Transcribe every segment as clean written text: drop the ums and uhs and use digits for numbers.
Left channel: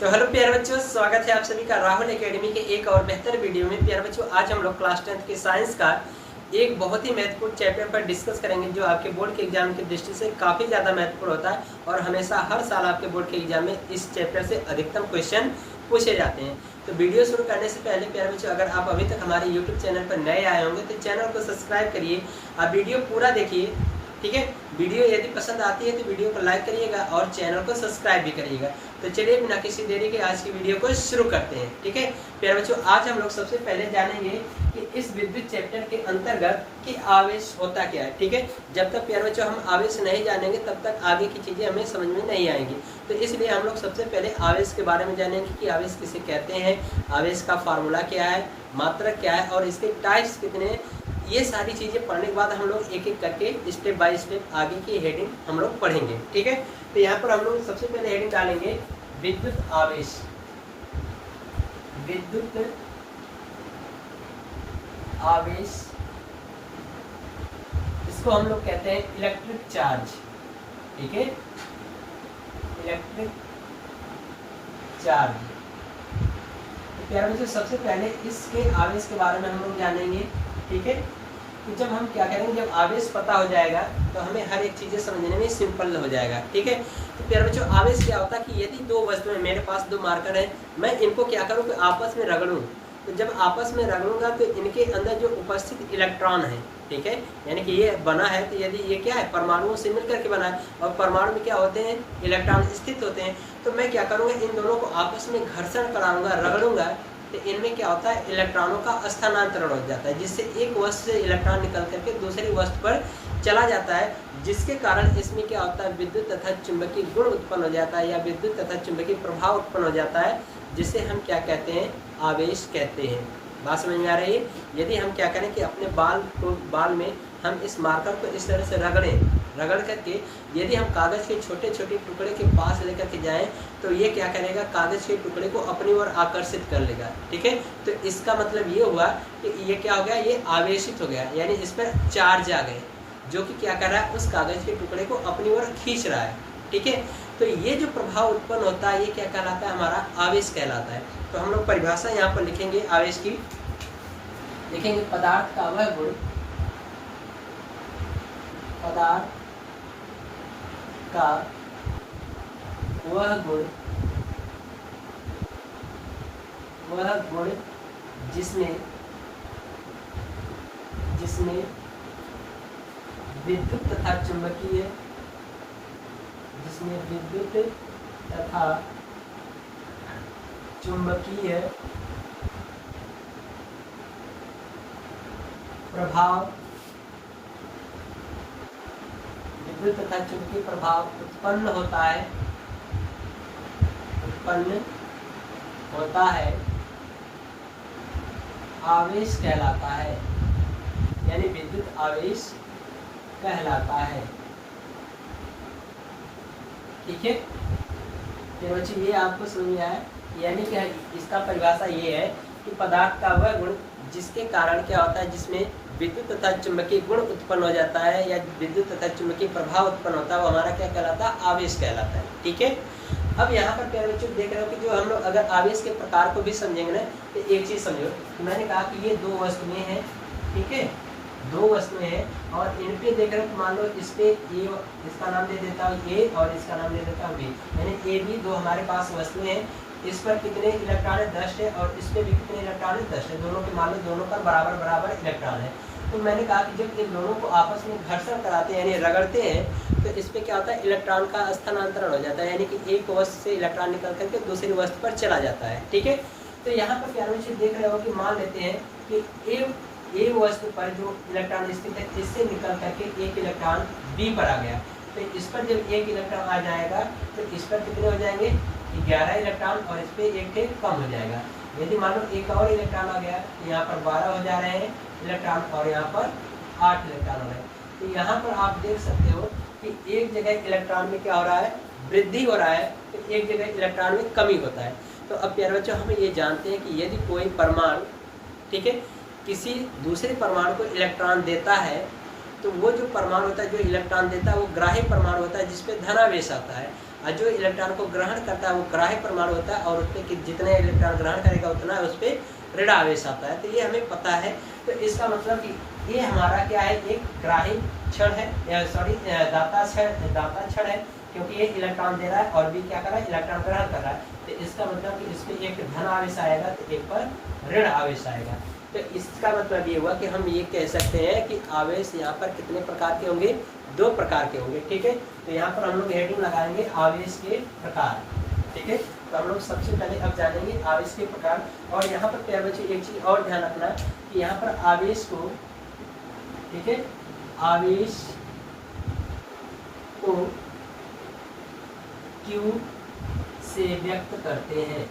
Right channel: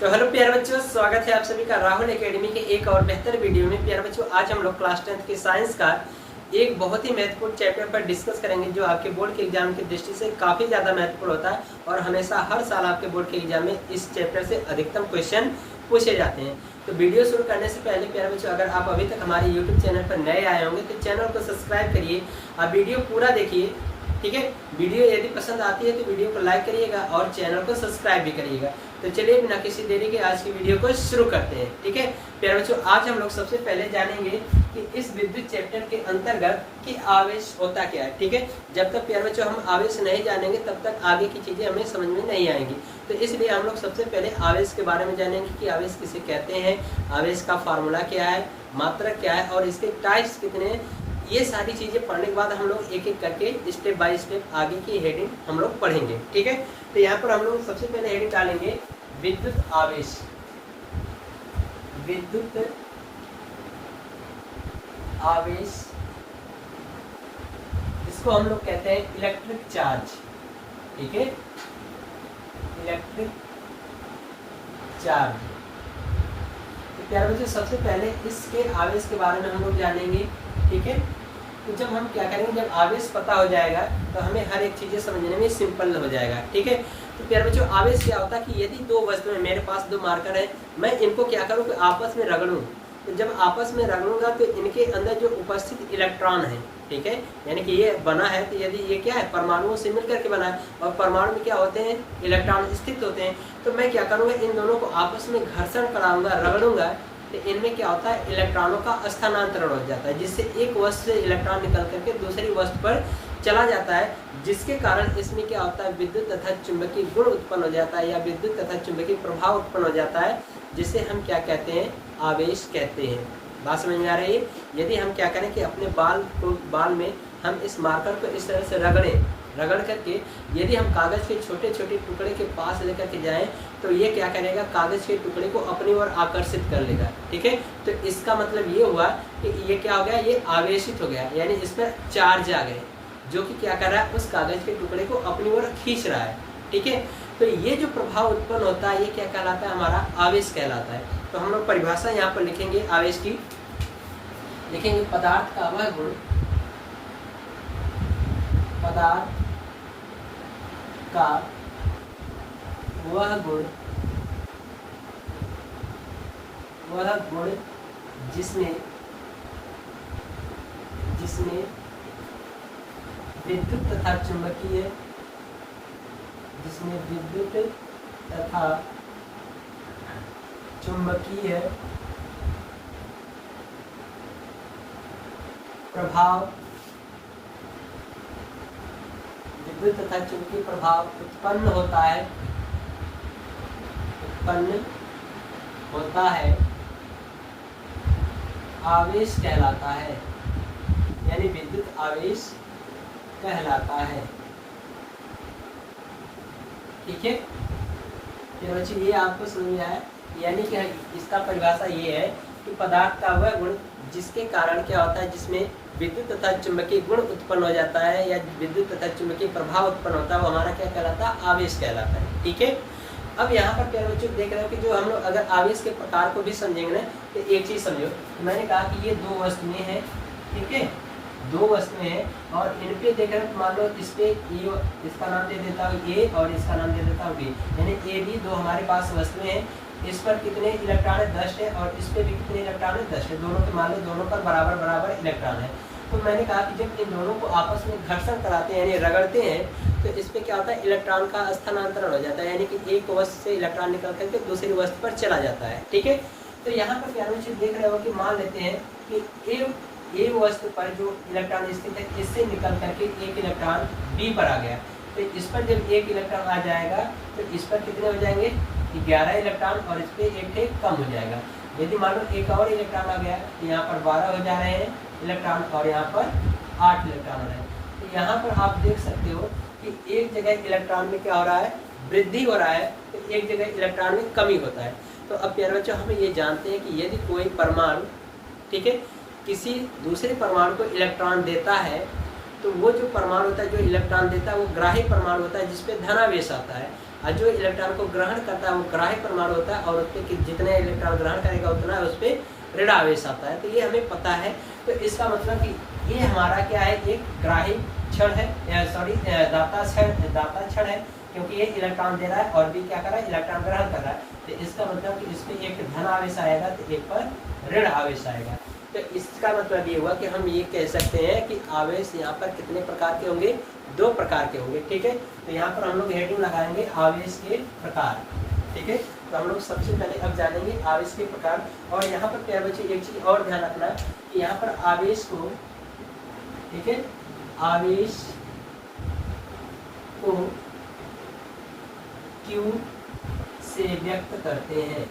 तो हेलो प्यारे बच्चों, स्वागत है आप सभी का राहुल एकेडमी के एक और बेहतर वीडियो में। प्यारे बच्चों, आज हम लोग क्लास 10th के साइंस का एक बहुत ही महत्वपूर्ण चैप्टर पर डिस्कस करेंगे, जो आपके बोर्ड के एग्जाम की दृष्टि से काफ़ी ज़्यादा महत्वपूर्ण होता है और हमेशा हर साल आपके बोर्ड के एग्जाम में इस चैप्टर से अधिकतम क्वेश्चन पूछे जाते हैं। तो वीडियो शुरू करने से पहले प्यारे बच्चों, अगर आप अभी तक हमारे यूट्यूब चैनल पर नए आए होंगे तो चैनल को सब्सक्राइब करिए। आप वीडियो पूरा देखिए, ठीक है। वीडियो यदि पसंद आती है तो वीडियो को लाइक करिएगा और चैनल को सब्सक्राइब भी करिएगा। तो चलिए बिना किसी देरी के आज की वीडियो को शुरू करते हैं, ठीक है। प्यारे बच्चों, आज हम लोग सबसे पहले जानेंगे कि इस विद्युत चैप्टर के अंतर्गत कि आवेश होता क्या है, ठीक है। जब तक प्यारे बच्चों हम आवेश नहीं जानेंगे तब तक आगे की चीज़ें हमें समझ में नहीं आएंगी। तो इसलिए हम लोग सबसे पहले आवेश के बारे में जानेंगे कि आवेश किसे कहते हैं, आवेश का फार्मूला क्या है, मात्रक क्या है और इसके टाइप्स कितने हैं। ये सारी चीज़ें पढ़ने के बाद हम लोग एक एक करके स्टेप बाय स्टेप आगे की हेडिंग हम लोग पढ़ेंगे, ठीक है। तो यहाँ पर हम लोग सबसे पहले हेडिंग डालेंगे विद्युत आवेश। विद्युत आवेश, इसको हम लोग कहते हैं इलेक्ट्रिक चार्ज, ठीक है। Electric charge. तो प्यारे बच्चों, सबसे पहले इसके आवेश के बारे में हम लोग जानेंगे, ठीक है। तो जब हम क्या करेंगे, जब आवेश पता हो जाएगा तो हमें हर एक चीज़ें समझने में सिंपल हो जाएगा, ठीक है। तो प्यारे बच्चों, आवेश क्या होता है कि यदि दो वस्तुएं, मेरे पास दो मार्कर हैं, मैं इनको क्या करूँ कि आपस में रगड़ूँ। तो जब आपस में रगड़ूंगा तो इनके अंदर जो उपस्थित इलेक्ट्रॉन है, ठीक है, यानी कि ये बना है तो यदि ये क्या है, परमाणुओं से मिलकर के बना है और परमाणु में क्या होते हैं, इलेक्ट्रॉन स्थित होते हैं। तो मैं क्या करूँगा, इन दोनों को आपस में घर्षण कराऊंगा, रगड़ूंगा, तो इनमें क्या होता है, इलेक्ट्रॉनों का स्थानांतरण हो जाता है, जिससे एक वस्तु से इलेक्ट्रॉन निकल करके दूसरी वस्तु पर चला जाता है, जिसके कारण इसमें क्या होता है, विद्युत तथा चुंबकीय गुण उत्पन्न हो जाता है या विद्युत तथा चुंबकीय प्रभाव उत्पन्न हो जाता है, जिसे हम क्या कहते हैं, आवेश कहते हैं। बात समझ में आ रही है। यदि हम क्या करें कि अपने बाल में हम इस मार्कर को इस तरह से रगड़ करके यदि हम कागज़ के छोटे छोटे टुकड़े के पास लेकर के जाएं तो ये क्या करेगा, कागज़ के टुकड़े को अपनी ओर आकर्षित कर लेगा, ठीक है। तो इसका मतलब ये हुआ कि ये क्या हो गया, ये आवेशित हो गया, यानी इस पर चार्ज आ गए, जो कि क्या कर रहा है, उस कागज़ के टुकड़े को अपनी ओर खींच रहा है, ठीक है। तो ये जो प्रभाव उत्पन्न होता है ये क्या कहलाता है, हमारा आवेश कहलाता है। तो हम लोग परिभाषा यहाँ पर लिखेंगे आवेश की। लिखेंगे पदार्थ का वह गुण, पदार्थ का वह गुण जिसमें विद्युत तथा चुंबकीय प्रभाव, विद्युत तथा चुंबकीय प्रभाव उत्पन्न होता है, आवेश कहलाता है, यानी विद्युत आवेश कहलाता है, ठीक है। तो बच्चों, ये आपको समझ में आया, यानी कि इसका परिभाषा ये है कि पदार्थ का वह गुण जिसके कारण क्या होता है, जिसमें विद्युत तथा चुंबकीय गुण उत्पन्न हो जाता है या विद्युत तथा चुंबकीय प्रभाव उत्पन्न होता है, वो हमारा क्या कहलाता है, आवेश कहलाता है, ठीक है। अब यहाँ पर प्यारे बच्चों देख रहे हो कि जो हम लोग अगर आवेश के प्रकार को भी समझेंगे ना, तो एक चीज समझो, मैंने कहा कि ये दो वस्तुएं हैं, ठीक है, दो वस्तुएं हैं और इन पे देख रहे हो, मान लो इस पे ये, इसका नाम दे देता हूँ ए और इसका नाम दे देता हूँ बी, यानी ए बी दो हमारे पास वस्तुएं हैं। इस पर कितने इलेक्ट्रॉन है, 10 है, और इस पे भी कितने इलेक्ट्रॉन है, 10 है। दोनों के मान लो दोनों पर बराबर बराबर इलेक्ट्रॉन है। तो मैंने कहा कि जब इन दोनों को आपस में घर्षण कराते हैं यानी रगड़ते हैं तो इस पे क्या होता है, इलेक्ट्रॉन का स्थानांतरण हो जाता है, यानी कि एक वस्तु से इलेक्ट्रॉन निकल करके दूसरी वस्तु पर चला जाता है, ठीक है। तो यहाँ पर प्यारे बच्चे देख रहे हो कि मान लेते हैं कि ए वस्तु पर जो इलेक्ट्रॉन स्थित है, इससे निकल करके एक इलेक्ट्रॉन बी पर आ गया। तो इस पर जब एक इलेक्ट्रॉन आ जाएगा तो इस पर कितने हो जाएंगे, 11 इलेक्ट्रॉन, और इस पर एक कम हो जाएगा। यदि मान लो एक और इलेक्ट्रॉन आ गया तो यहाँ पर 12 हो जा रहे हैं इलेक्ट्रॉन और यहाँ पर 8 इलेक्ट्रॉन हो रहे हैं। तो यहाँ पर आप देख सकते हो कि एक जगह इलेक्ट्रॉन में क्या हो रहा है, वृद्धि हो रहा है, तो एक जगह इलेक्ट्रॉन में कमी होता है। तो अब प्यारे बच्चों, हम ये जानते हैं कि यदि कोई परमाणु, ठीक है, किसी दूसरे परमाणु को इलेक्ट्रॉन देता है तो वो जो परमाणु होता है, जो इलेक्ट्रॉन देता है, वो ग्राही परमाणु होता है जिसपे धनावेश आता है। और जो इलेक्ट्रॉन को ग्रहण करता है वो ग्राह्य परमाणु होता है और उस पर जितने इलेक्ट्रॉन ग्रहण करेगा उतना उस पर ऋण आवेश आता है। तो ये हमें पता है। तो इसका मतलब कि ये हमारा क्या है, एक ग्राही क्षण है, सॉरी दाता क्षण है, क्योंकि ये इलेक्ट्रॉन दे रहा है और भी क्या कर रहा है, इलेक्ट्रॉन ग्रहण कर रहा है। तो इसका मतलब कि इसमें एक धन आवेश आएगा तो एक पर ऋण आवेश आएगा। तो इसका मतलब ये हुआ कि हम ये कह सकते हैं कि आवेश यहाँ पर कितने प्रकार के होंगे, 2 प्रकार के होंगे। ठीक है, तो यहाँ पर हम लोग हेडिंग लगाएंगे आवेश के प्रकार। ठीक है, तो हम लोग सबसे पहले अब जानेंगे आवेश के प्रकार। और यहाँ पर प्यारे बच्चे एक चीज और ध्यान रखना कि यहाँ पर आवेश को, ठीक है, आवेश को Q से व्यक्त करते हैं,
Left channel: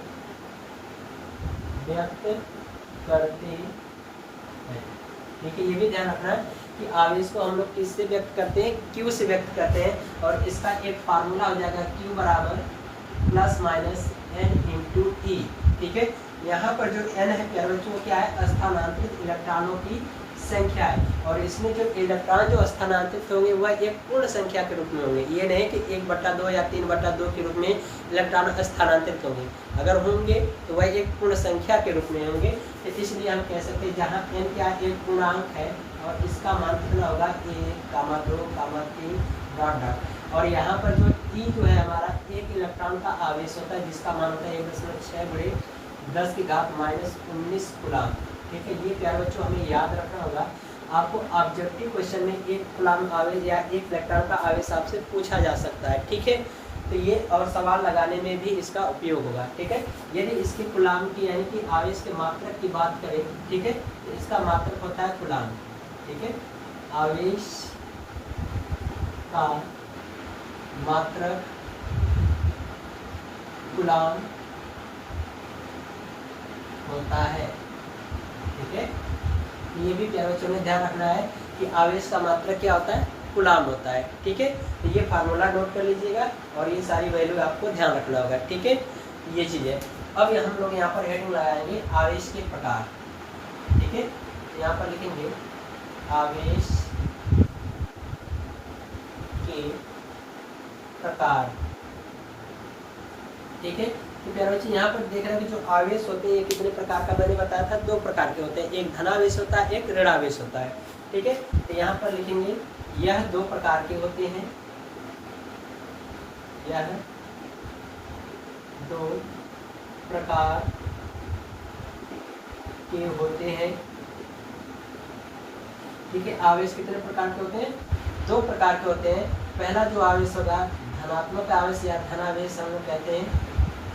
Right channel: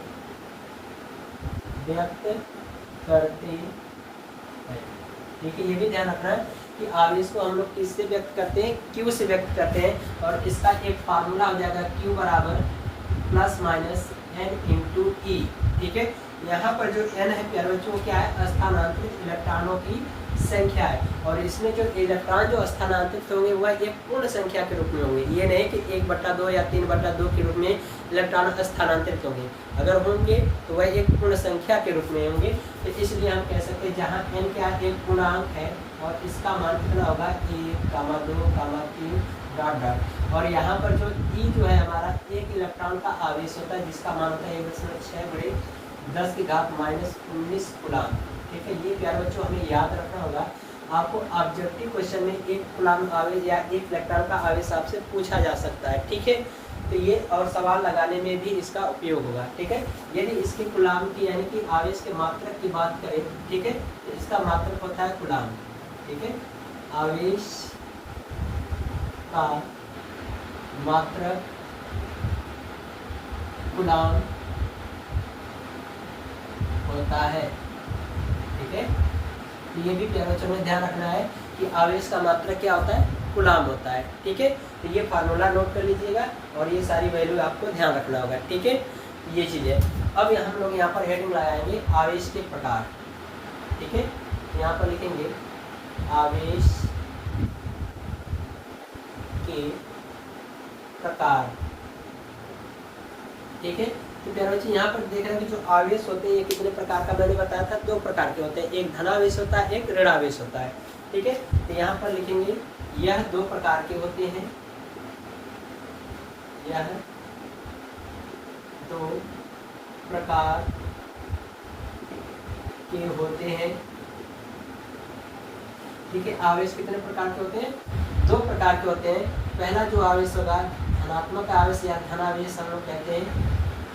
ठीक है। ये भी ध्यान रखना है कि आवेश को हम लोग किससे व्यक्त करते हैं, Q से व्यक्त करते हैं। और इसका एक फार्मूला हो जाएगा Q बराबर plus minus N into E। ठीक है, यहाँ पर जो N है प्यारे बच्चों क्या है, स्थानांतरित इलेक्ट्रॉनों की संख्या है। और इसमें जो इलेक्ट्रॉन जो स्थानांतरित होंगे वह एक पूर्ण संख्या के रूप में होंगे। ये नहीं कि 1/2 या 3/2 के रूप में इलेक्ट्रॉन स्थानांतरित होंगे। अगर होंगे तो वह एक पूर्ण संख्या के रूप में होंगे। तो इसलिए हम कह सकते हैं जहाँ n क्या एक पूर्णांक है और इसका मान कितना होगा 1, 2, 3 डॉट डॉट। और यहाँ पर जो E जो है हमारा एक इलेक्ट्रॉन का आवेश होता है जिसका मान होता है 1/10⁻⁻19 कूलाम। ठीक है, ये प्यारे बच्चों हमें याद रखना होगा। आपको ऑब्जेक्टिव क्वेश्चन में 1 कूलाम आवेश या 1 इलेक्ट्रॉन का आवेश आपसे पूछा जा सकता है। ठीक है, तो ये और सवाल लगाने में भी इसका उपयोग होगा। ठीक है, यदि इसकी कूलाम की यानी कि आवेश के मात्रक की बात करें, ठीक है, तो इसका मात्रक होता है कूलाम। ठीक है, आवेश का मात्रक कूलाम होता है। ठीक है, ये भी प्यारे बच्चों में ध्यान रखना है कि आवेश का मात्रक क्या होता है, कूलाम होता है। ठीक है, तो ये फार्मूला नोट कर लीजिएगा और ये सारी वैल्यू आपको ध्यान रखना होगा। ठीक है, ये चीज़ें अब हम लोग यहाँ पर हेडिंग लगाएंगे आवेश के प्रकार। ठीक है, यहाँ पर लिखेंगे आवेश के प्रकार। ठीक है, तो प्यारे बच्चे यहाँ पर देख रहे हैं कि जो आवेश होते हैं ये कितने प्रकार का मैंने बताया था, 2 प्रकार के होते हैं, एक धनावेश होता है, एक ऋणावेश होता है। ठीक है, तो यहाँ पर लिखेंगे यह 2 प्रकार के होते हैं, यह 2 प्रकार के होते हैं। ठीक है, आवेश कितने प्रकार के होते हैं, 2 प्रकार के होते हैं। पहला जो आवेश होगा धनात्मक आवेश या धनावेश हम लोग कहते हैं,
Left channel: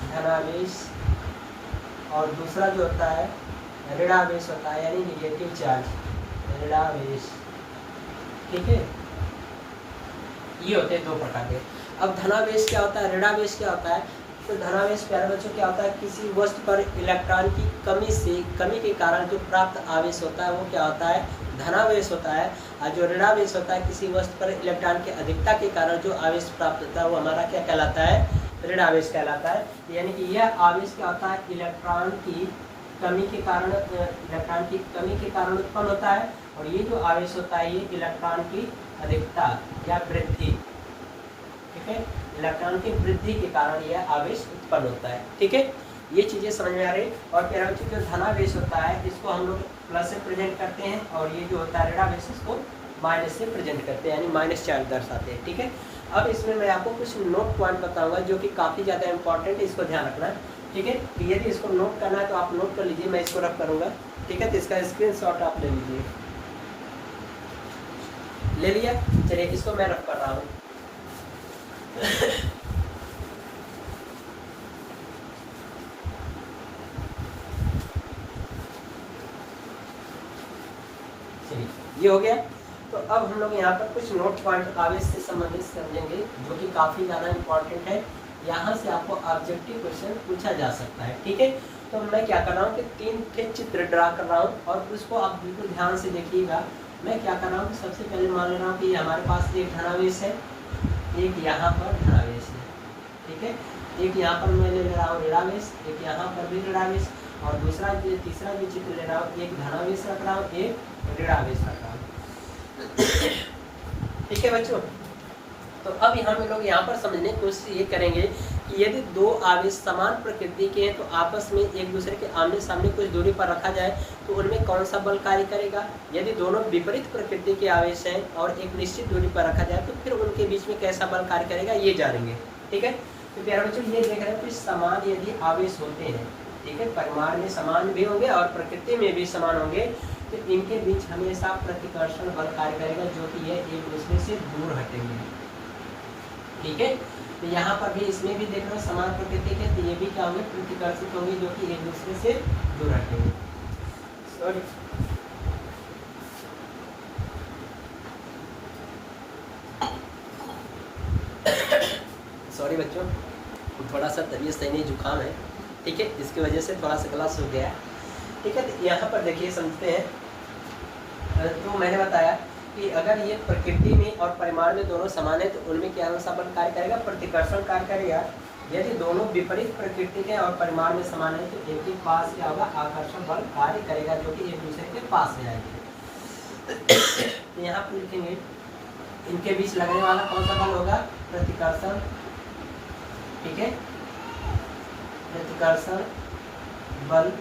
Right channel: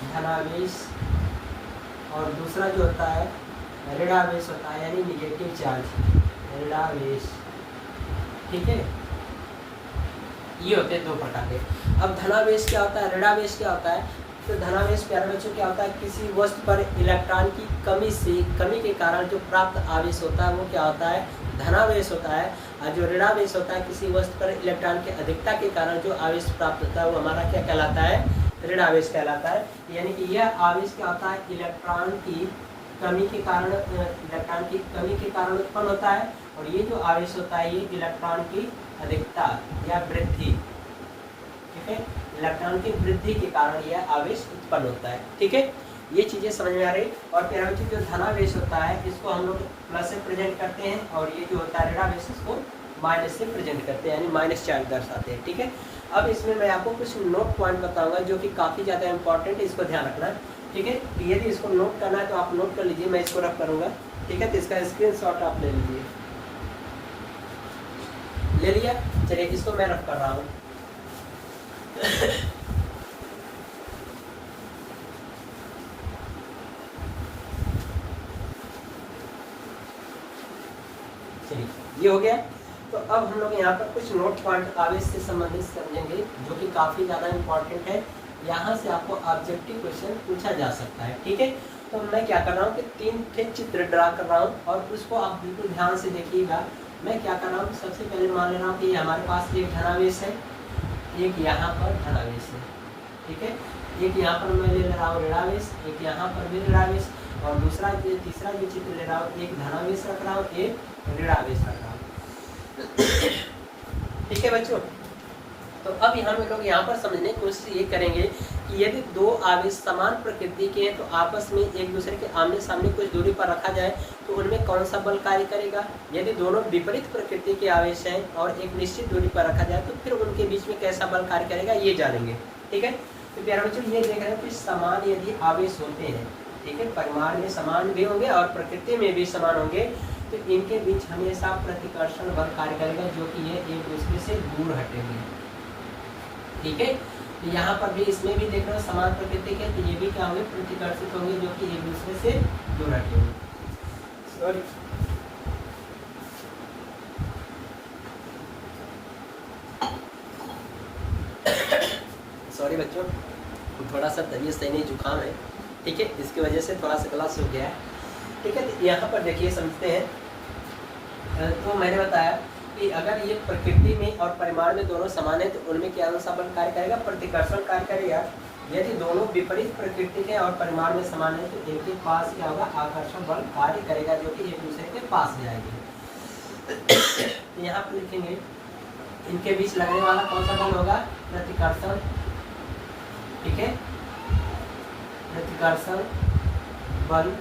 धनावेश। और दूसरा जो होता है ऋणावेश होता है यानी निगेटिव चार्ज, ऋणावेश। ठीक है, ये होते हैं 2 प्रकार के। अब धनावेश क्या होता है, ऋणावेश क्या होता है। तो धनावेश प्यारे बच्चों क्या होता है, किसी वस्तु पर इलेक्ट्रॉन की कमी के कारण जो प्राप्त आवेश होता है वो क्या होता है, धनावेश होता है। और जो ऋणावेश होता है किसी वस्तु पर इलेक्ट्रॉन की अधिकता के कारण जो आवेश प्राप्त होता है वो हमारा क्या कहलाता है, ऋणावेश कहलाता है। यानी कि यह आवेश क्या होता है, इलेक्ट्रॉन की कमी के कारण उत्पन्न होता है। और ये जो आवेश होता है ये इलेक्ट्रॉन की अधिकता या वृद्धि, ठीक है, इलेक्ट्रॉन की वृद्धि के कारण यह आवेश उत्पन्न होता है। ठीक है, ये चीजें समझ में आ रही। और प्यारे बच्चों जो धनावेश होता है इसको हम लोग प्लस से प्रेजेंट करते हैं और ये जो होता है ऋणावेश इसको माइनस से प्रेजेंट करते हैं यानी माइनस चार्ज दर्शाते हैं। ठीक है, अब इसमें मैं आपको कुछ नोट पॉइंट बताऊंगा जो कि काफ़ी ज़्यादा इंपॉर्टेंट है, इसको ध्यान रखना है। ठीक है, तो यदि इसको नोट करना है तो आप नोट कर लीजिए, मैं इसको रख करूँगा। ठीक है, तो इसका स्क्रीनशॉट आप ले लीजिए। ले लिया, चलिए इसको मैं रख कर रहा हूँ। ये हो गया। तो अब हम लोग यहाँ पर कुछ नोट पॉइंट आवेश से संबंधित समझेंगे जो कि काफ़ी ज़्यादा इंपॉर्टेंट है। यहाँ से आपको ऑब्जेक्टिव क्वेश्चन पूछा जा सकता है। ठीक है, तो मैं क्या कर रहा हूँ कि 3 थे चित्र ड्रा कर रहा हूँ और उसको आप बिल्कुल ध्यान से देखिएगा। मैं क्या कर रहा हूँ, सबसे पहले मान ले रहा हूँ कि हमारे पास एक धनावेश है, एक यहाँ पर धनावेश है। ठीक है, एक यहाँ पर मैं ले रहा हूँ ऋणावेश, एक यहाँ पर भी ऋणावेश और तीसरा भी चित्र ले रहा हूँ, एक धनावेश रख रहा हूँ, एक ऋणावेश रख रहा हूँ। ठीक है बच्चों, तो अब हम लोग यहाँ पर समझने की कोशिश ये करेंगे कि यदि दो आवेश समान प्रकृति के हैं तो आपस में एक दूसरे के आमने सामने कुछ दूरी पर रखा जाए तो उनमें कौन सा बल कार्य करेगा। यदि दोनों विपरीत प्रकृति के आवेश हैं और एक निश्चित दूरी पर रखा जाए तो फिर उनके बीच में कैसा बल कार्य करेगा ये जानेंगे। ठीक है, तो प्यारे बच्चों ये देख रहे हैं कि समान यदि आवेश होते हैं, ठीक है, परिमाण में समान भी होंगे और प्रकृति में भी समान होंगे, तो इनके बीच हमेशा प्रतिकर्षण बल कार्य करेगा जो कि ये एक दूसरे से दूर हटेंगे। ठीक है, तो यहाँ पर भी इसमें भी देख रहे हो समान प्रकृति के, तो ये भी क्या होंगे, प्रतिकर्षित होंगे जो कि एक दूसरे से दूर हटेंगे। सॉरी बच्चों, थोड़ा सा तबीयत सही नहीं, जुकाम है। ठीक है, इसकी वजह से थोड़ा सा गला सूख गया है। ठीक है, तो यहाँ पर देखिए समझते हैं। तो मैंने बताया कि अगर ये प्रकृति में और परिमाण में दोनों समान है तो उनमें क्या सा बल कार्य करेगा, प्रतिकर्षण कार्य करेगा। यदि दोनों विपरीत प्रकृति के और परिमाण में समान है तो इनके पास क्या होगा, आकर्षण बल कार्य करेगा जो कि एक दूसरे के पास में आएंगे। तो यहाँ पर लिखेंगे इनके बीच लगने वाला कौन सा बल होगा, प्रतिकर्षण। ठीक है, प्रतिकर्षण बल,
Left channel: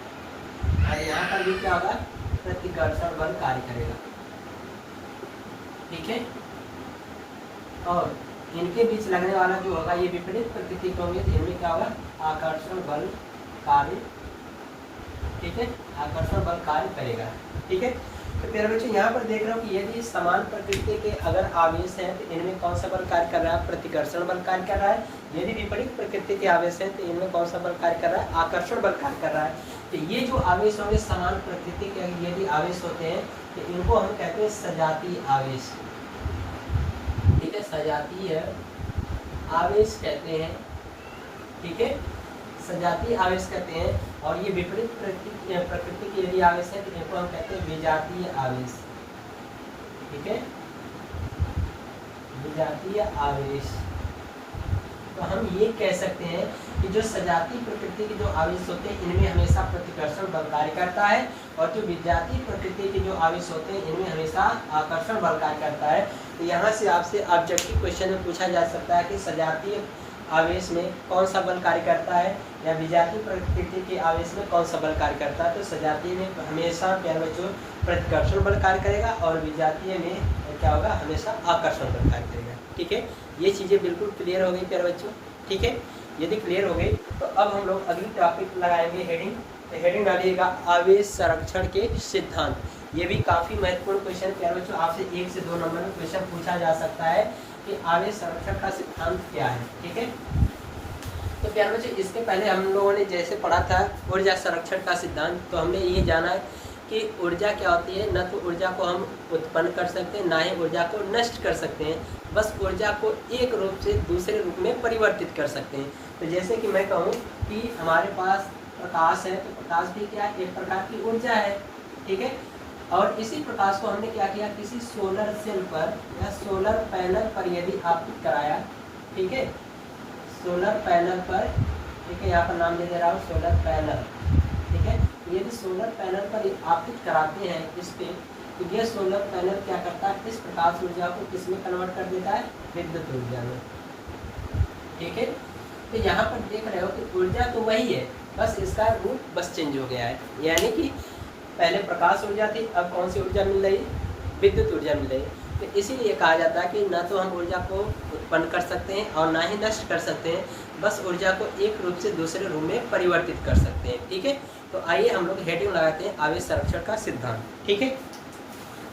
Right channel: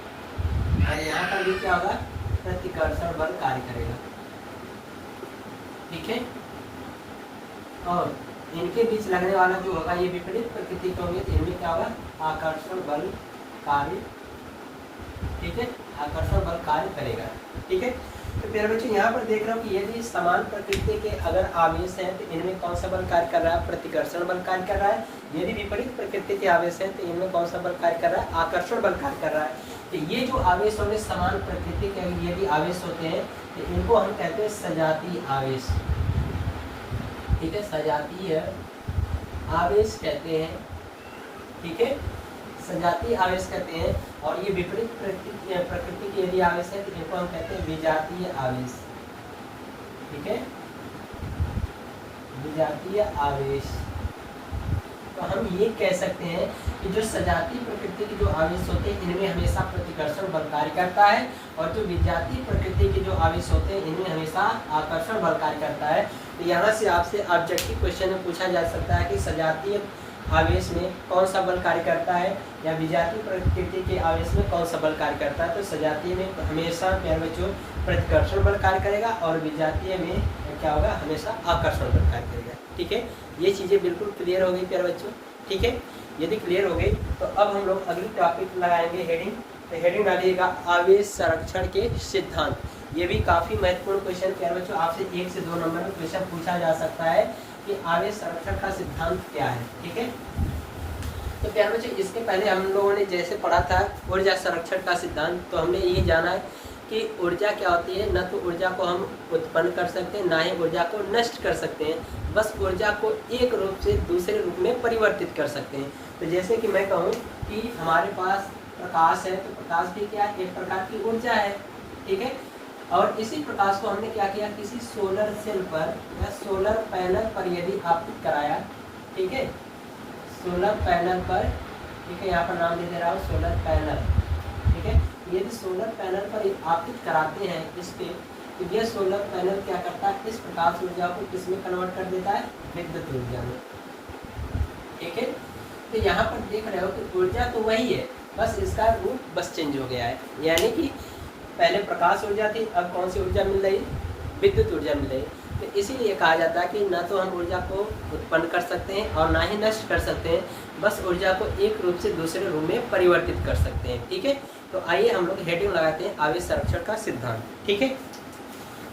और यहाँ पर भी क्या होगा, प्रतिकर्षण बल कार्य करेगा। ठीक है, और इनके बीच लगने वाला जो होगा ये विपरीत प्रकृति के होंगे तो इनमें क्या होगा, आकर्षण बल कार्य। ठीक है, आकर्षण बल कार्य करेगा। ठीक है, तो फिर बच्चों यहाँ पर देख रहा हूँ कि यदि समान प्रकृति के अगर आवेश हैं तो इनमें कौन सा बल कार्य कर रहा है, प्रतिकर्षण बल कार्य कर रहा है। यदि विपरीत प्रकृति के आवेश हैं तो इनमें कौन सा बल कार्य कर रहा है, आकर्षण बल कार्य कर रहा है। तो ये जो आवेश होंगे समान प्रकृति के यदि आवेश होते हैं तो इनको हम कहते हैं सजातीय आवेश। ठीक है, सजातीय आवेश कहते हैं। ठीक है, सजातीय आवेश कहते हैं। और ये विपरीत प्रकृति के यदि आवेश है तो इनको हम कहते हैं विजातीय आवेश। ठीक है, विजातीय आवेश। तो हम ये कह सकते हैं कि जो सजातीय प्रकृति के जो आवेश होते हैं इनमें हमेशा प्रतिकर्षण बल कार्य करता है और जो विजातीय प्रकृति के जो आवेश होते हैं इनमें हमेशा आकर्षण बल कार्य करता है। तो यहाँ से आपसे ऑब्जेक्टिव क्वेश्चन में पूछा जा सकता है कि सजातीय आवेश में कौन सा बल कार्य करता है या विजातीय प्रकृति के आवेश में कौन सा बल कार्य करता है। तो सजातीय में हमेशा प्यारे बच्चों प्रतिकर्षण बल कार्य करेगा और विजातीय में क्या होगा, हमेशा आकर्षण बल कार्य करेगा। ठीक है, ये चीज़ें बिल्कुल क्लियर हो गई प्यारे बच्चों। ठीक है, यदि क्लियर हो गई तो अब हम लोग अगली टॉपिक लगाएंगे हेडिंग। तो हेडिंग डालिएगा आवेश संरक्षण के सिद्धांत। ये भी काफ़ी महत्वपूर्ण क्वेश्चन प्यारे बच्चों, आपसे 1 से 2 नंबर में क्वेश्चन पूछा जा सकता है कि आवेश संरक्षण का सिद्धांत क्या है। ठीक है, तो प्यारे बच्चों इसके पहले हम लोगों ने जैसे पढ़ा था ऊर्जा संरक्षण का सिद्धांत, तो हमने ये जाना है कि ऊर्जा क्या होती है। न तो ऊर्जा को हम उत्पन्न कर सकते हैं, ना ही ऊर्जा को नष्ट कर सकते हैं, बस ऊर्जा को एक रूप से दूसरे रूप में परिवर्तित कर सकते हैं। तो जैसे कि मैं कहूँ कि हमारे पास प्रकाश है तो प्रकाश भी क्या है, एक प्रकार की ऊर्जा है। ठीक है, और इसी प्रकाश को हमने क्या किया, किसी सोलर सेल पर या सोलर पैनल पर यदि आपतित कराया। ठीक है, सोलर पैनल पर, ठीक है, यहाँ पर नाम दे रहा हूँ सोलर पैनल। ठीक है, यदि सोलर पैनल पर आपतित कराते हैं इस पे, तो यह सोलर पैनल क्या करता है, इस प्रकाश ऊर्जा को किसमें कन्वर्ट कर देता है, विद्युत ऊर्जा में। ठीक है, तो यहाँ पर देख रहे हो कि ऊर्जा तो वही है, बस इसका रूप बस चेंज हो गया है। यानी कि पहले प्रकाश ऊर्जा थी, अब कौन सी ऊर्जा मिल रही, विद्युत ऊर्जा मिल रही। तो इसीलिए कहा जाता है कि न तो हम ऊर्जा को उत्पन्न कर सकते हैं और ना ही नष्ट कर सकते हैं, बस ऊर्जा को एक रूप से दूसरे रूप में परिवर्तित कर सकते हैं। ठीक है, तो आइए हम लोग हेडिंग लगाते हैं आवेश संरक्षण का सिद्धांत। ठीक है,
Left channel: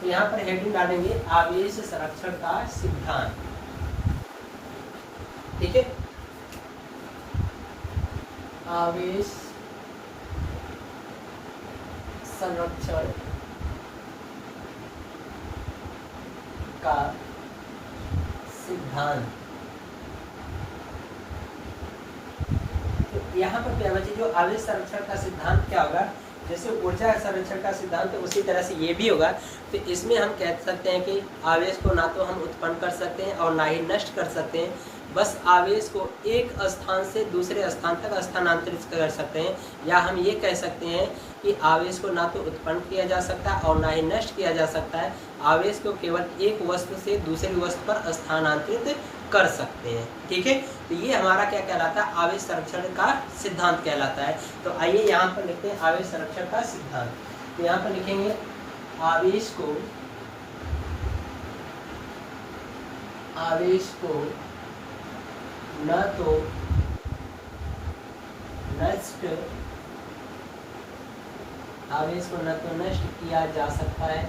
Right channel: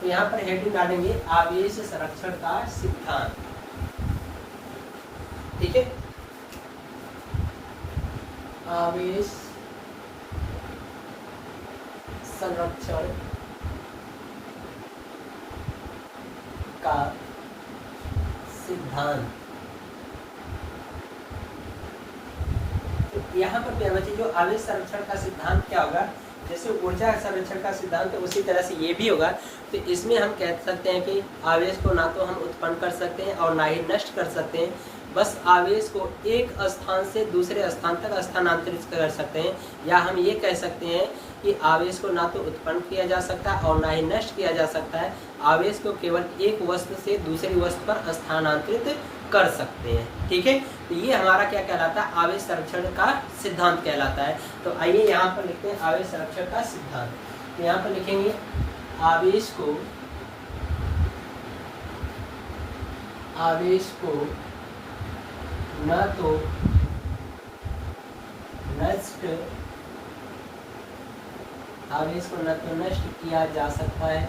तो यहाँ पर हेडिंग डालेंगे आवेश संरक्षण का सिद्धांत। ठीक है, आवेश संरक्षण का सिद्धांत। तो यहाँ पर क्या बच्चे, जो आवेश संरक्षण का सिद्धांत क्या होगा, जैसे ऊर्जा संरक्षण का सिद्धांत है उसी तरह से ये भी होगा। तो इसमें हम कह सकते हैं कि आवेश को ना तो हम उत्पन्न कर सकते हैं और ना ही नष्ट कर सकते हैं, बस आवेश को एक स्थान से दूसरे स्थान तक स्थानांतरित कर सकते हैं। या हम ये कह सकते हैं कि आवेश को ना तो उत्पन्न किया जा सकता है और ना ही नष्ट किया जा सकता है, आवेश को केवल एक वस्तु से दूसरी वस्तु पर स्थानांतरित कर सकते हैं। ठीक है, तो ये हमारा क्या कहलाता है, आवेश संरक्षण का सिद्धांत कहलाता है। तो आइए यहाँ पर लिखते हैं आवेश संरक्षण का सिद्धांत। तो यहाँ पर लिखेंगे आवेश को न तो नष्ट किया जा सकता है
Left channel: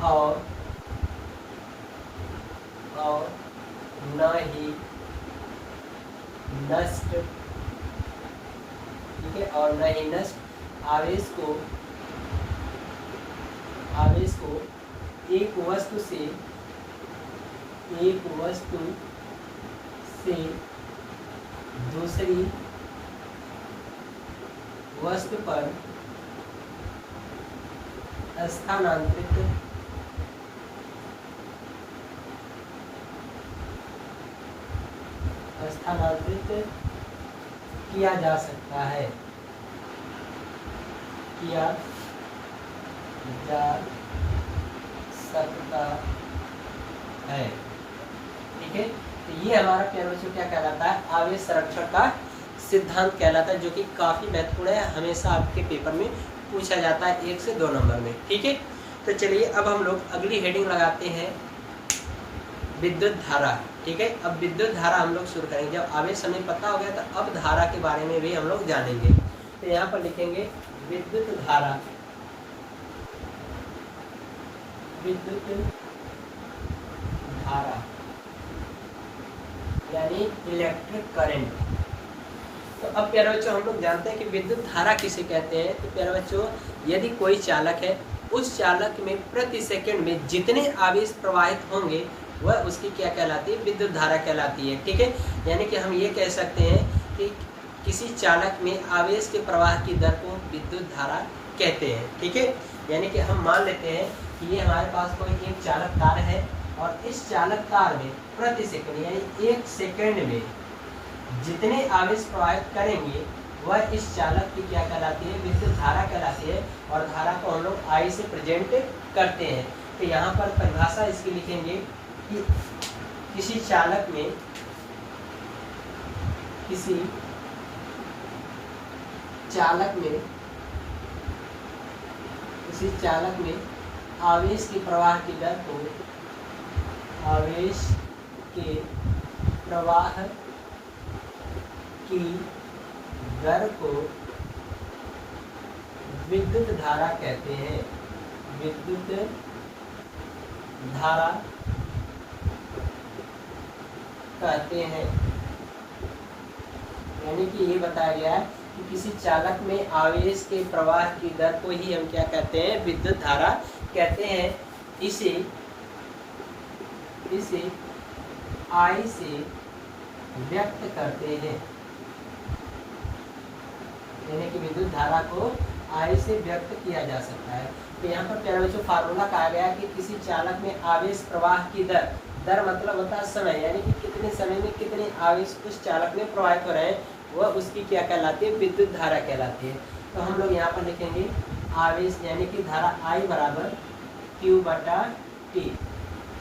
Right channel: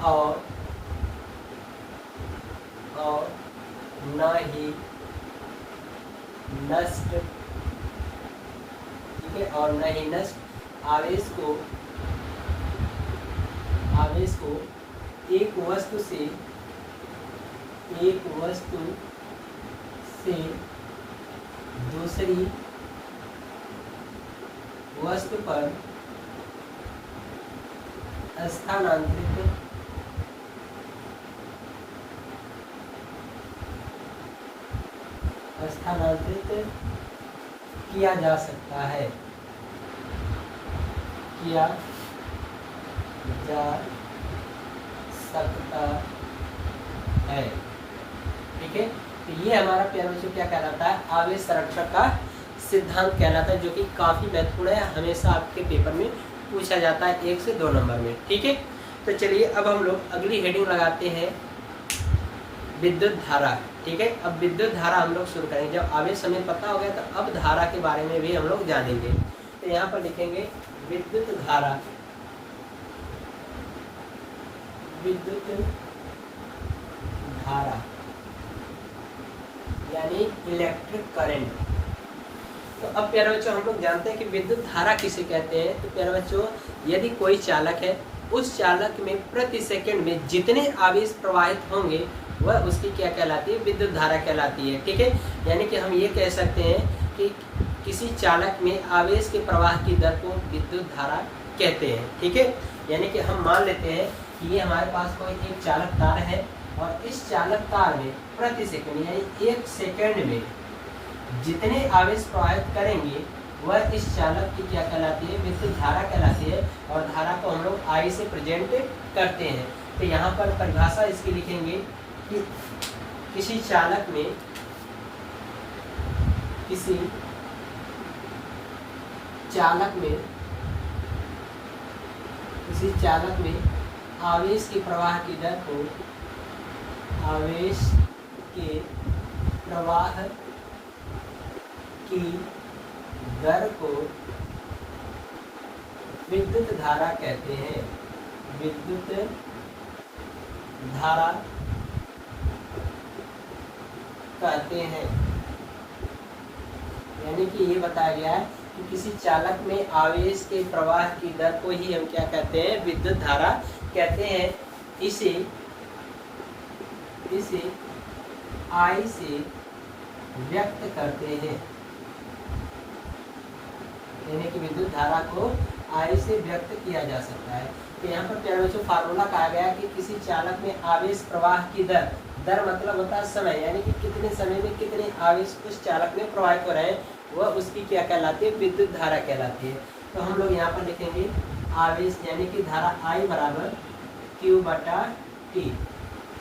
और न ही नष्ट, ठीक है, और न ही नष्ट आवेश को एक वस्तु से दूसरी वस्तु पर स्थानांतरित किया जा सकता है, ठीक है। तो ये हमारा क्या कहलाता है, आवेश संरक्षण का सिद्धांत कहलाता है, जो कि काफी महत्वपूर्ण है, हमेशा आपके पेपर में पूछा जाता है 1 से 2 नंबर में। ठीक है, तो चलिए अब हम लोग अगली हेडिंग लगाते हैं विद्युत धारा। ठीक है, अब विद्युत धारा हम लोग शुरू करेंगे। जब आवेश हमें पता हो गया तो अब धारा के बारे में भी हम लोग जानेंगे। तो यहाँ पर लिखेंगे विद्युत धारा, यानी इलेक्ट्रिक करंट। तो अब प्यारे बच्चों हम लोग जानते हैं कि विद्युत धारा किसे कहते हैं। तो प्यारे बच्चों, यदि कोई चालक है, उस चालक में प्रति सेकंड में जितने आवेश प्रवाहित होंगे वह उसकी क्या कहलाती है, विद्युत धारा कहलाती है। ठीक है, यानी कि हम ये कह सकते हैं कि किसी चालक में आवेश के प्रवाह की दर को विद्युत धारा कहते हैं। ठीक है, यानी कि हम मान लेते हैं कि ये हमारे पास कोई एक चालक तार है और इस चालक तार में प्रति सेकंड यानी 1 सेकंड में जितने आवेश प्रवाहित करेंगे वह इस चालक की क्या कहलाती है, विद्युत धारा कहलाती है। और धारा को हम लोग I से प्रेजेंट करते हैं। तो यहाँ पर परिभाषा इसकी लिखेंगे कि किसी चालक में आवेश के प्रवाह की दर को विद्युत धारा कहते हैं। विद्युत धारा कहते हैं, यानी कि ये बताया गया है कि किसी चालक में आवेश के प्रवाह की दर को ही हम क्या कहते हैं, विद्युत धारा कहते हैं। इसे I से व्यक्त करते हैं, यानी कि विद्युत धारा को I से व्यक्त किया जा सकता है। तो यहाँ पर प्यारे बच्चों फार्मूला कहा गया कि किसी चालक में आवेश प्रवाह की दर मतलब होता है समय, यानी कि कितने समय में कितने आवेश उस चालक में प्रवाहित हो रहे हैं, वह उसकी क्या कहलाती है, विद्युत धारा कहलाती है। तो हम लोग यहाँ पर लिखेंगे आवेश यानी कि धारा I बराबर Q/T।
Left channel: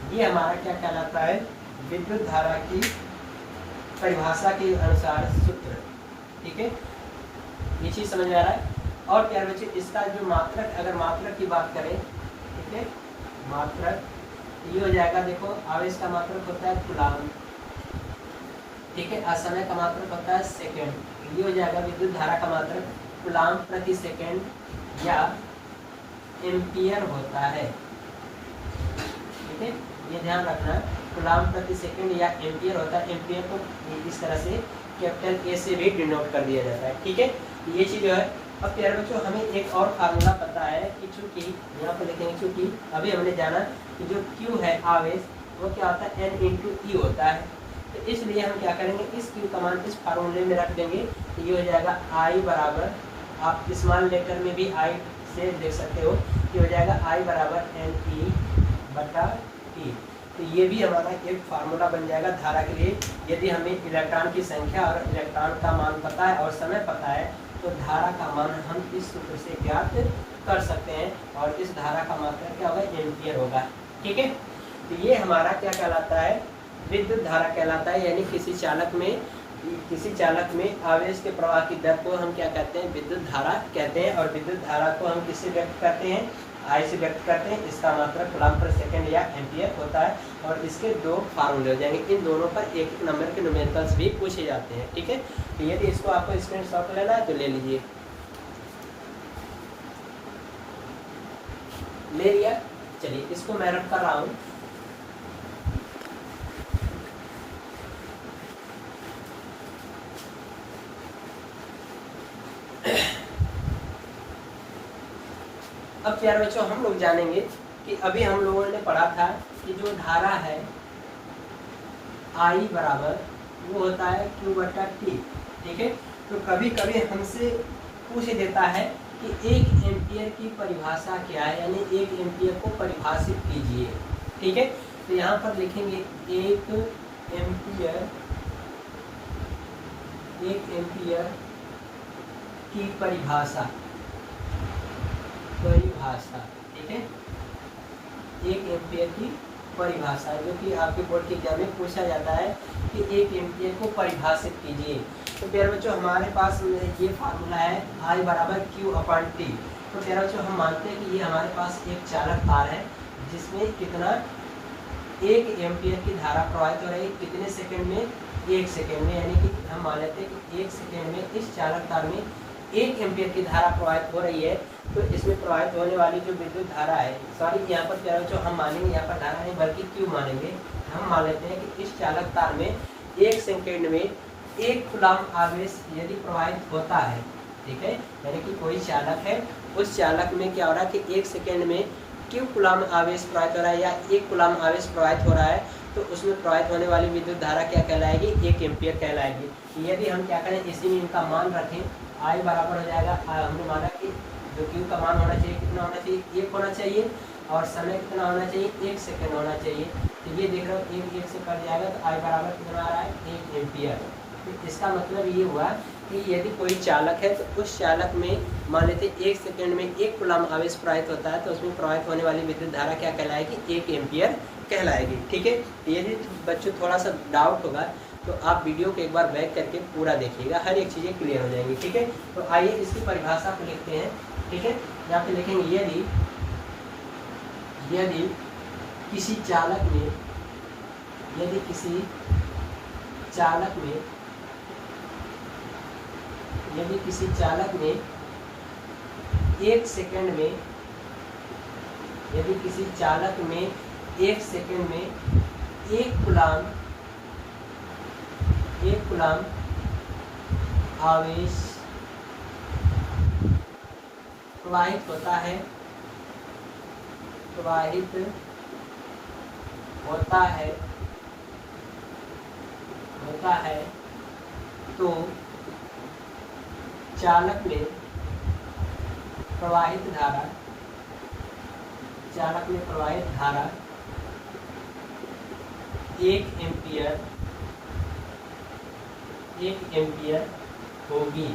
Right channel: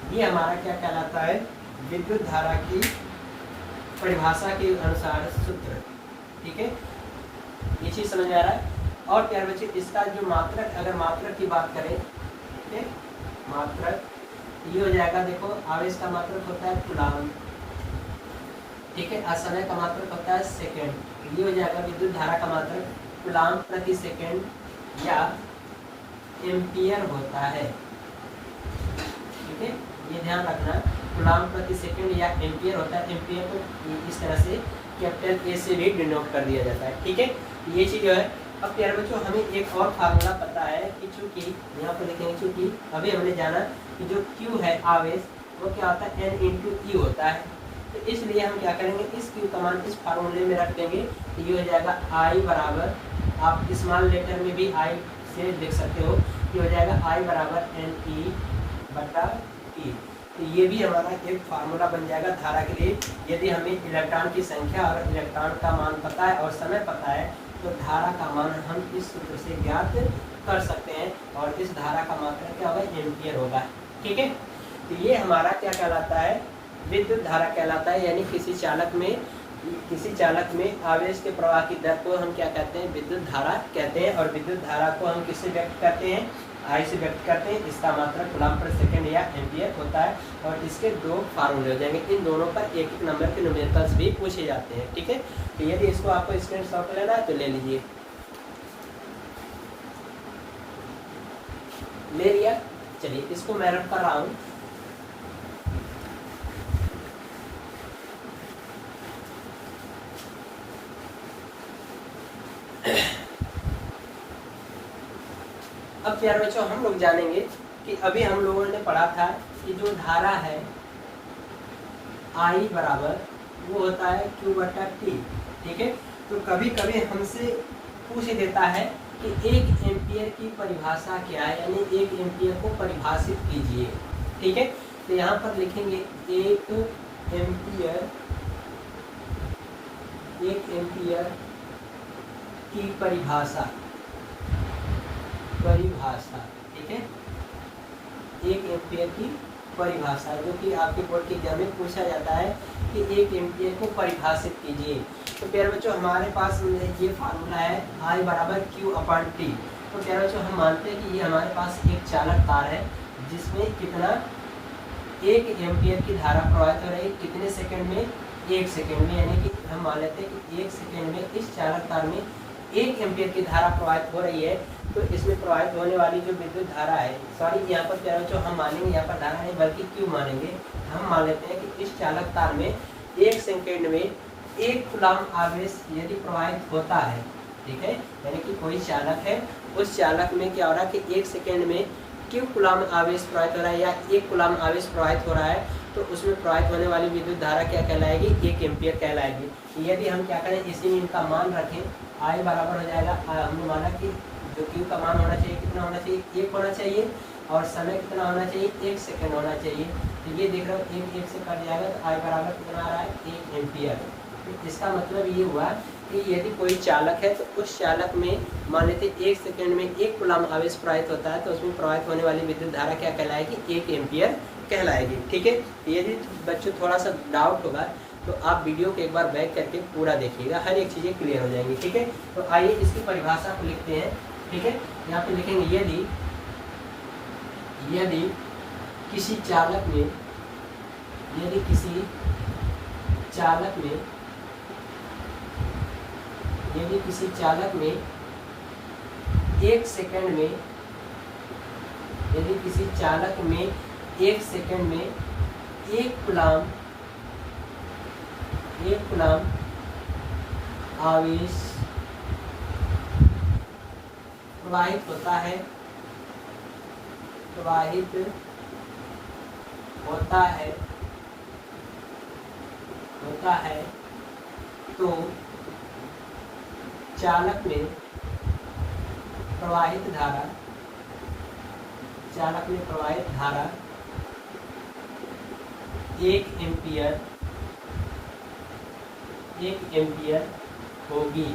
ये हमारा क्या कहलाता है, विद्युत धारा की परिभाषा के अनुसार सूत्र। ठीक है, ये चीज समझ आ रहा है। और क्या बच्चे, इसका जो मात्रक, अगर मात्रक की बात करें, ठीक है, मात्रक ये हो जाएगा, देखो आवेश का मात्रक होता है कूलाम, ठीक है, समय का मात्रक होता है सेकंड, ये हो जाएगा विद्युत धारा का मात्रक कूलाम प्रति सेकंड या एम्पियर होता है। ठीक है, ये ध्यान रखना, कूलाम प्रति सेकंड या एम्पियर होता है। एम्पियर को इस तरह से कैपिटल ए से भी डिनोट कर दिया जाता है। ठीक है, ये चीज जो है। अब प्यारे बच्चों हमें एक और फार्मूला पता है कि चूंकि यहाँ पर लिखेंगे, चूंकि अभी हमने जाना कि जो Q है आवेश वो क्या होता है, N × E होता है। तो इसलिए हम क्या करेंगे, इस Q का मान इस फार्मूले में रख देंगे। तो ये हो जाएगा I बराबर, आप स्मॉल लेटर में भी I से लिख सकते हो, ये हो जाएगा I बराबर NE/T। तो ये भी हमारा एक फार्मूला बन जाएगा धारा के लिए। यदि हमें इलेक्ट्रॉन की संख्या और इलेक्ट्रॉन का मान पता है और समय पता है, तो धारा का मान हम इस सूत्र से ज्ञात कर सकते हैं और इस धारा का मात्रा क्या होगा, एम्पियर होगा। ठीक है, तो ये हमारा क्या कहलाता है, विद्युत धारा कहलाता है। यानी किसी चालक में आवेश के प्रवाह की दर को हम क्या कहते हैं, विद्युत धारा कहते हैं। और विद्युत धारा को हम किससे व्यक्त करते हैं, आई से व्यक्त करते हैं। इसका मात्रा कूलम्ब पर सेकंड या एम्पियर होता है। और इसके दो फार्मूले हो जाएंगे, इन दोनों पर एक एक नंबर के न्यूमेरिकल्स भी पूछे जाते हैं। ठीक है, तो यदि इसको आपको स्क्रीनशॉट लेना है तो ले लीजिए। ले लिया, चलिए इसको मैं रख कर रहा हूँ। अब प्यारे बच्चों, हम लोग जानेंगे कि अभी हम लोगों ने पढ़ा था कि जो धारा है I बराबर वो होता है Q/T। ठीक है, तो कभी कभी हमसे पूछ देता है कि 1 एम्पियर की परिभाषा क्या है, यानी 1 एम्पियर को परिभाषित कीजिए। ठीक है, तो यहाँ पर लिखेंगे 1 एम्पियर की परिभाषा। ठीक है, 1 एम्पियर की परिभाषा, जो कि आपके बोर्ड के एग्जाम में पूछा जाता है कि 1 एम्पियर को परिभाषित कीजिए। तो प्यारे बच्चों, हमारे पास ये फार्मूला है I बराबर Q/T। तो प्यारे बच्चों, हम मानते हैं कि ये हमारे पास एक चालक तार है जिसमें कितना 1 एम्पियर की धारा प्रवाहित हो रही है, कितने सेकंड में, 1 सेकंड में। यानी कि हम मान लेते हैं कि 1 सेकंड में इस चालक तार में 1 एम्पियर की धारा प्रवाहित हो रही है। तो इसमें प्रवाहित होने वाली जो विद्युत धारा है, सॉरी यहाँ पर क्या जो हम मानेंगे, यहाँ पर धारा नहीं बल्कि क्यू मानेंगे। हम मान लेते हैं कि इस चालक तार में 1 सेकंड में 1 कूलम्ब आवेश यदि प्रवाहित होता है। ठीक है, यानी कि कोई चालक है, उस चालक में क्या हो रहा है कि 1 सेकंड में क्यू कूलम्ब आवेश प्रवाहित हो रहा है या 1 कूलम्ब आवेश प्रवाहित हो रहा है, तो उसमें प्रवाहित होने वाली विद्युत धारा क्या कहलाएगी, 1 एम्पियर कहलाएगी। यदि हम क्या करें, इसी में इनका मान रखें, I बराबर हो जाएगा, हमने माना कि जो क्यू का मान होना चाहिए, कितना होना चाहिए, 1 होना चाहिए, और समय कितना होना चाहिए, 1 सेकंड होना चाहिए। तो ये देख रहे हो 1 से कट जाएगा, तो I बराबर कितना आ रहा है, 1 एम्पियर। तो इसका मतलब ये हुआ कि यदि कोई चालक है तो उस चालक में मान लेते 1 सेकंड में 1 कूलम्ब आवेश प्रवाहित होता है, तो उसमें प्रवाहित होने वाली विद्युत धारा क्या कहलाएगी, 1 एम्पियर कहलाएगी। ठीक है, यदि बच्चों थोड़ा सा डाउट होगा तो आप वीडियो को एक बार बैक करके पूरा देखिएगा, हर एक चीज़ें क्लियर हो जाएंगी। ठीक है, तो आइए इसकी परिभाषा को लिखते हैं। ठीक है, यहाँ पे लिखेंगे यदि किसी चालक में 1 सेकंड में 1 कूलम्ब आवेश प्रवाहित होता है, तो चालक में प्रवाहित धारा 1 एम्पियर होगी।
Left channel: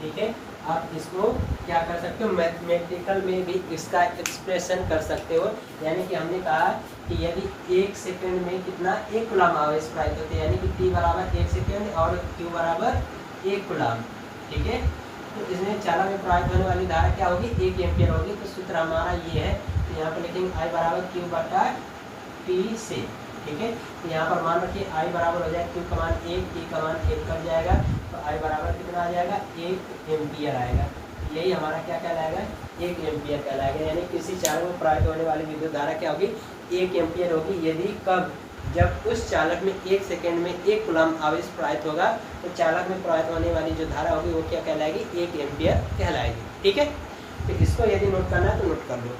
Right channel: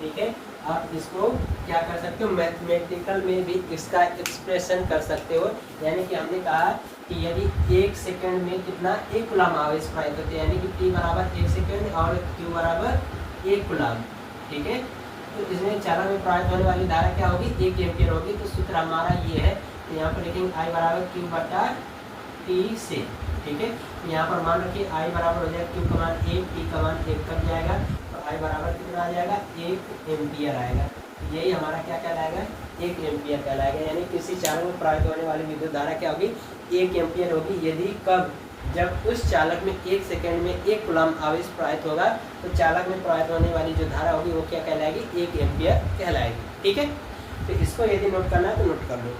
ठीक है, आप इसको क्या कर सकते हो, मैथमेटिकल में भी इसका एक्सप्रेशन कर सकते हो। यानी कि हमने कहा कि यदि 1 सेकंड में कितना 1 कूलम्ब आवेश प्रवाहित होते हैं, यानी कि T बराबर 1 सेकंड और Q बराबर 1 कूलम्ब। ठीक है, तो इसमें चालक में प्रवाहित होने वाली धारा क्या होगी, 1 एम्पियर होगी। तो सूत्र हमारा ये है, तो यहाँ पर लिखेंगे I बराबर Q/T से। ठीक है, तो यहाँ पर मान रखिए I बराबर हो जाएगा Q का मान 1, T का मान 1 कट जाएगा, तो I बराबर कितना आ जाएगा, 1 एम्पियर आएगा। यही हमारा क्या कहलाएगा, 1 एम्पियर कहलाएगा। यानी किसी चालक में प्रवाहित होने वाली विद्युत धारा क्या होगी, 1 एम्पियर होगी। यदि कब, जब उस चालक में 1 सेकंड में 1 कूलम्ब आवेश प्रवाहित होगा, तो चालक में प्रवाहित होने वाली जो धारा होगी वो क्या कहलाएगी, 1 एम्पियर कहलाएगी। ठीक है, तो इसको यदि नोट करना है तो नोट कर लो।